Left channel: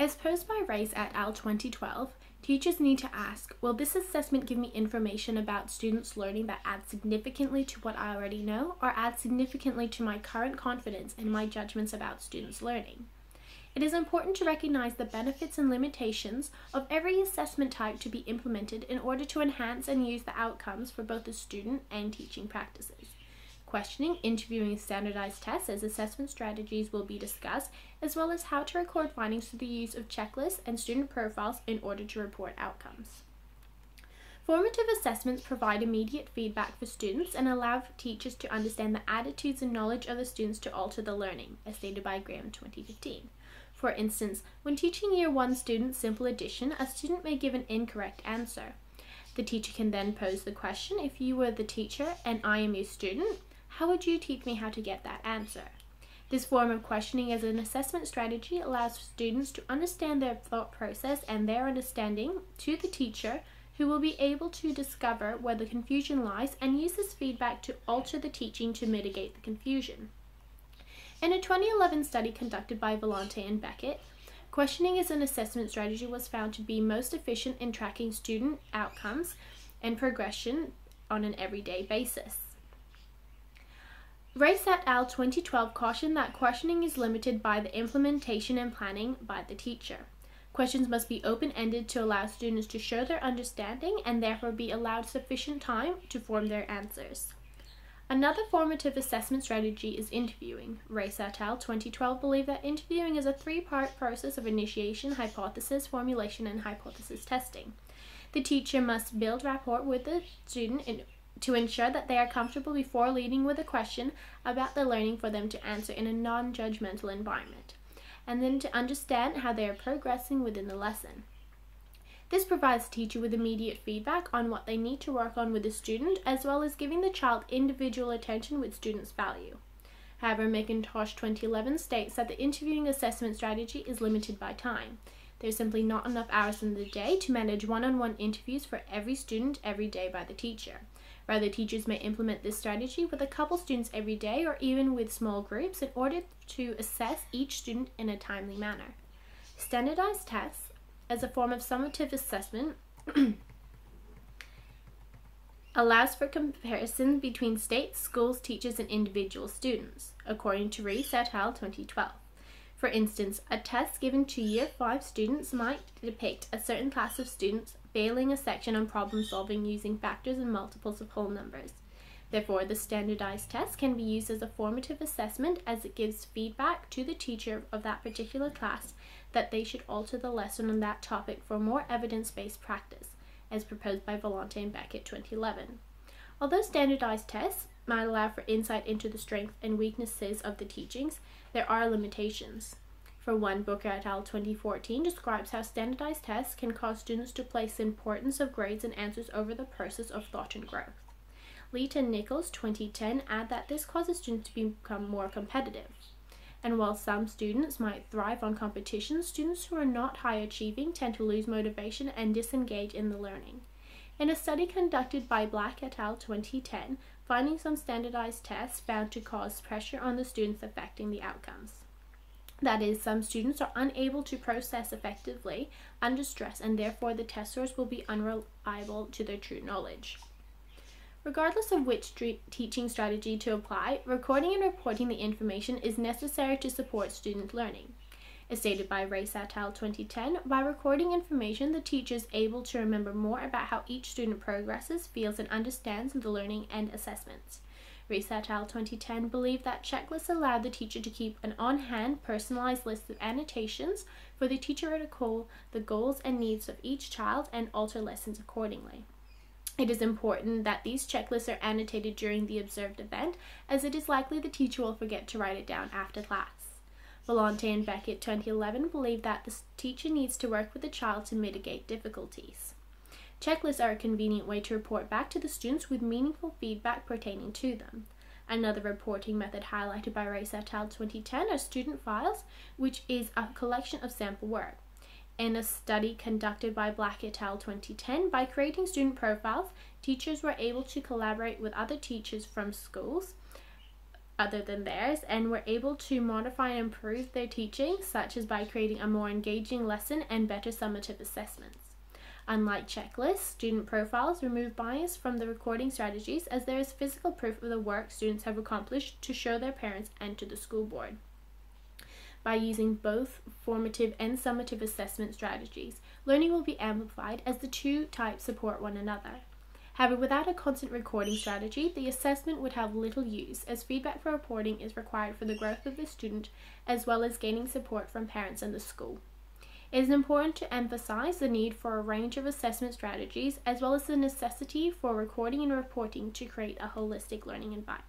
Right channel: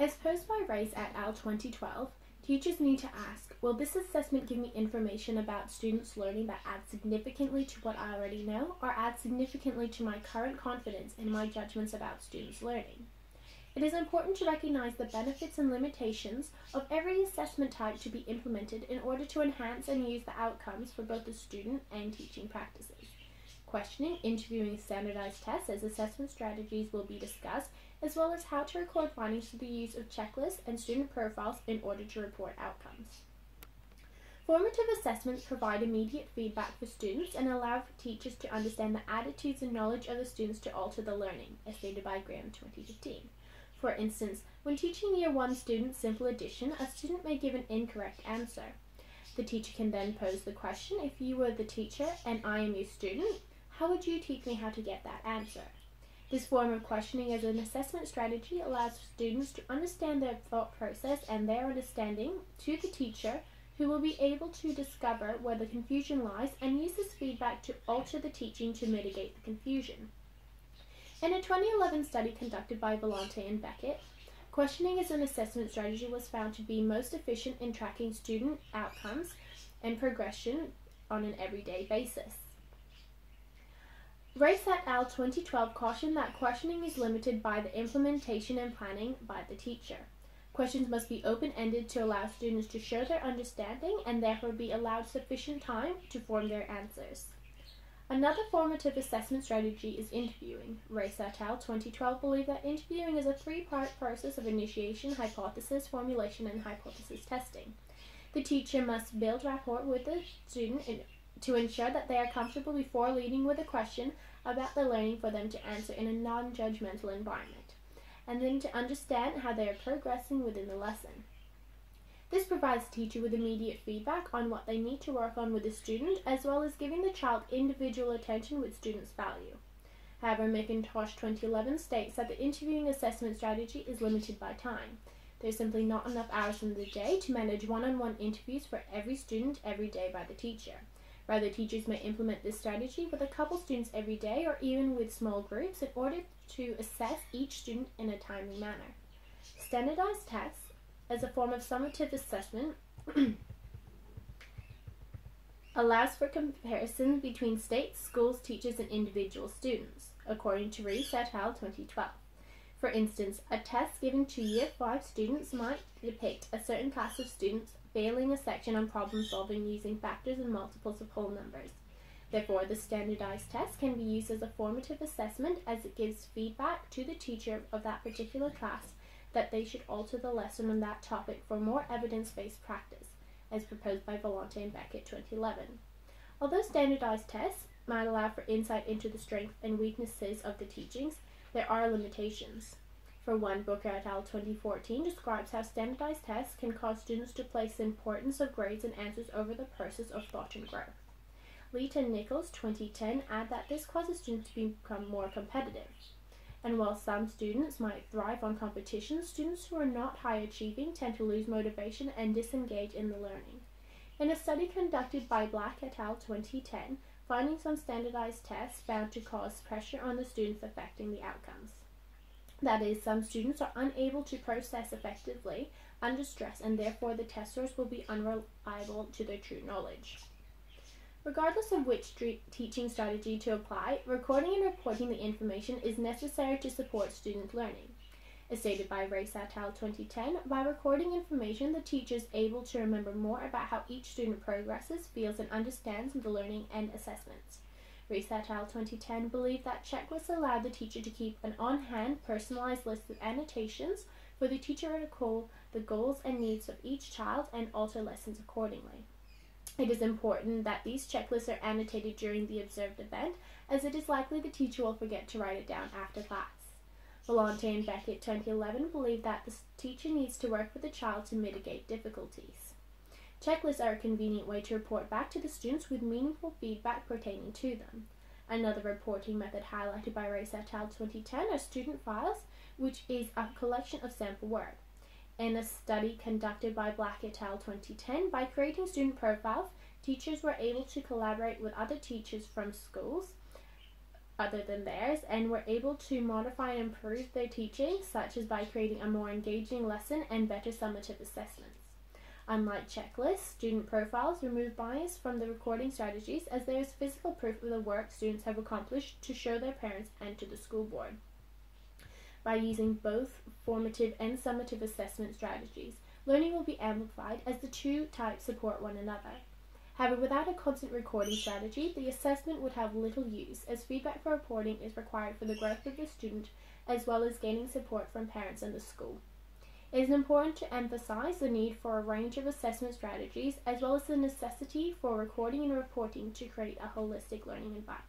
As posed by Race et al. 2012, teachers need to ask, will this assessment give me information about students' learning that adds significantly to what I already know, or adds significantly to my current confidence in my judgments about students' learning? It is important to recognize the benefits and limitations of every assessment type to be implemented in order to enhance and use the outcomes for both the student and teaching practices. Questioning, interviewing, and standardized tests as assessment strategies will be discussed, as well as how to record findings through the use of checklists and student profiles in order to report outcomes. Formative assessments provide immediate feedback for students and allow teachers to understand the attitudes and knowledge of the students to alter the learning, as stated by Graham 2015. For instance, when teaching Year 1 students simple addition, a student may give an incorrect answer. The teacher can then pose the question, if you were the teacher and I am your student, how would you teach me how to get that answer? This form of questioning as an assessment strategy allows students to understand their thought process and their understanding to the teacher, who will be able to discover where the confusion lies and use this feedback to alter the teaching to mitigate the confusion. In a 2011 study conducted by Vellante and Beckett, questioning as an assessment strategy was found to be most efficient in tracking student outcomes and progression on an everyday basis. Race et al. 2012 cautioned that questioning is limited by the implementation and planning by the teacher. Questions must be open-ended to allow students to show their understanding and therefore be allowed sufficient time to form their answers. Another formative assessment strategy is interviewing. Race et al. 2012 believe that interviewing is a three-part process of initiation, hypothesis formulation, and hypothesis testing. The teacher must build rapport with the student to ensure that they are comfortable before leading with a question about their learning for them to answer in a non-judgmental environment, and then to understand how they are progressing within the lesson. This provides the teacher with immediate feedback on what they need to work on with the student, as well as giving the child individual attention with students' value. However, McIntosh 2011 states that the interviewing assessment strategy is limited by time. There is simply not enough hours in the day to manage one-on-one interviews for every student every day by the teacher. Rather, teachers may implement this strategy with a couple students every day or even with small groups in order to assess each student in a timely manner. Standardized tests, as a form of summative assessment, allows for comparison between states, schools, teachers, and individual students, according to Race et al. 2012. For instance, a test given to Year 5 students might depict a certain class of students failing a section on problem solving using factors and multiples of whole numbers. Therefore, the standardized test can be used as a formative assessment, as it gives feedback to the teacher of that particular class that they should alter the lesson on that topic for more evidence-based practice, as proposed by Vellante and Beckett 2011. Although standardized tests might allow for insight into the strengths and weaknesses of the teachings, there are limitations. For one, Booker et al. 2014 describes how standardized tests can cause students to place the importance of grades and answers over the process of thought and growth. Leet and Nichols 2010 add that this causes students to become more competitive. And while some students might thrive on competition, students who are not high achieving tend to lose motivation and disengage in the learning. In a study conducted by Black et al. 2010, findings on standardized tests found to cause pressure on the students affecting the outcomes. That is, some students are unable to process effectively under stress, and therefore the test scores will be unreliable to their true knowledge. Regardless of which teaching strategy to apply, recording and reporting the information is necessary to support student learning. As stated by Race et al. 2010, by recording information, the teacher is able to remember more about how each student progresses, feels, and understands the learning and assessments. Race et al. 2010 believed that checklists allow the teacher to keep an on-hand, personalized list of annotations for the teacher to recall the goals and needs of each child and alter lessons accordingly. It is important that these checklists are annotated during the observed event, as it is likely the teacher will forget to write it down after class. Vellante and Beckett 2011 believe that the teacher needs to work with the child to mitigate difficulties. Checklists are a convenient way to report back to the students with meaningful feedback pertaining to them. Another reporting method highlighted by Race et al. 2010 are student files, which is a collection of sample work. In a study conducted by Black et al. 2010, by creating student profiles, teachers were able to collaborate with other teachers from schools other than theirs and were able to modify and improve their teaching, such as by creating a more engaging lesson and better summative assessments. Unlike checklists, student profiles remove bias from the recording strategies, as there is physical proof of the work students have accomplished to show their parents and to the school board. By using both formative and summative assessment strategies, learning will be amplified as the two types support one another. However, without a constant recording strategy, the assessment would have little use, as feedback for reporting is required for the growth of the student, as well as gaining support from parents and the school. It is important to emphasize the need for a range of assessment strategies, as well as the necessity for recording and reporting to create a holistic learning environment.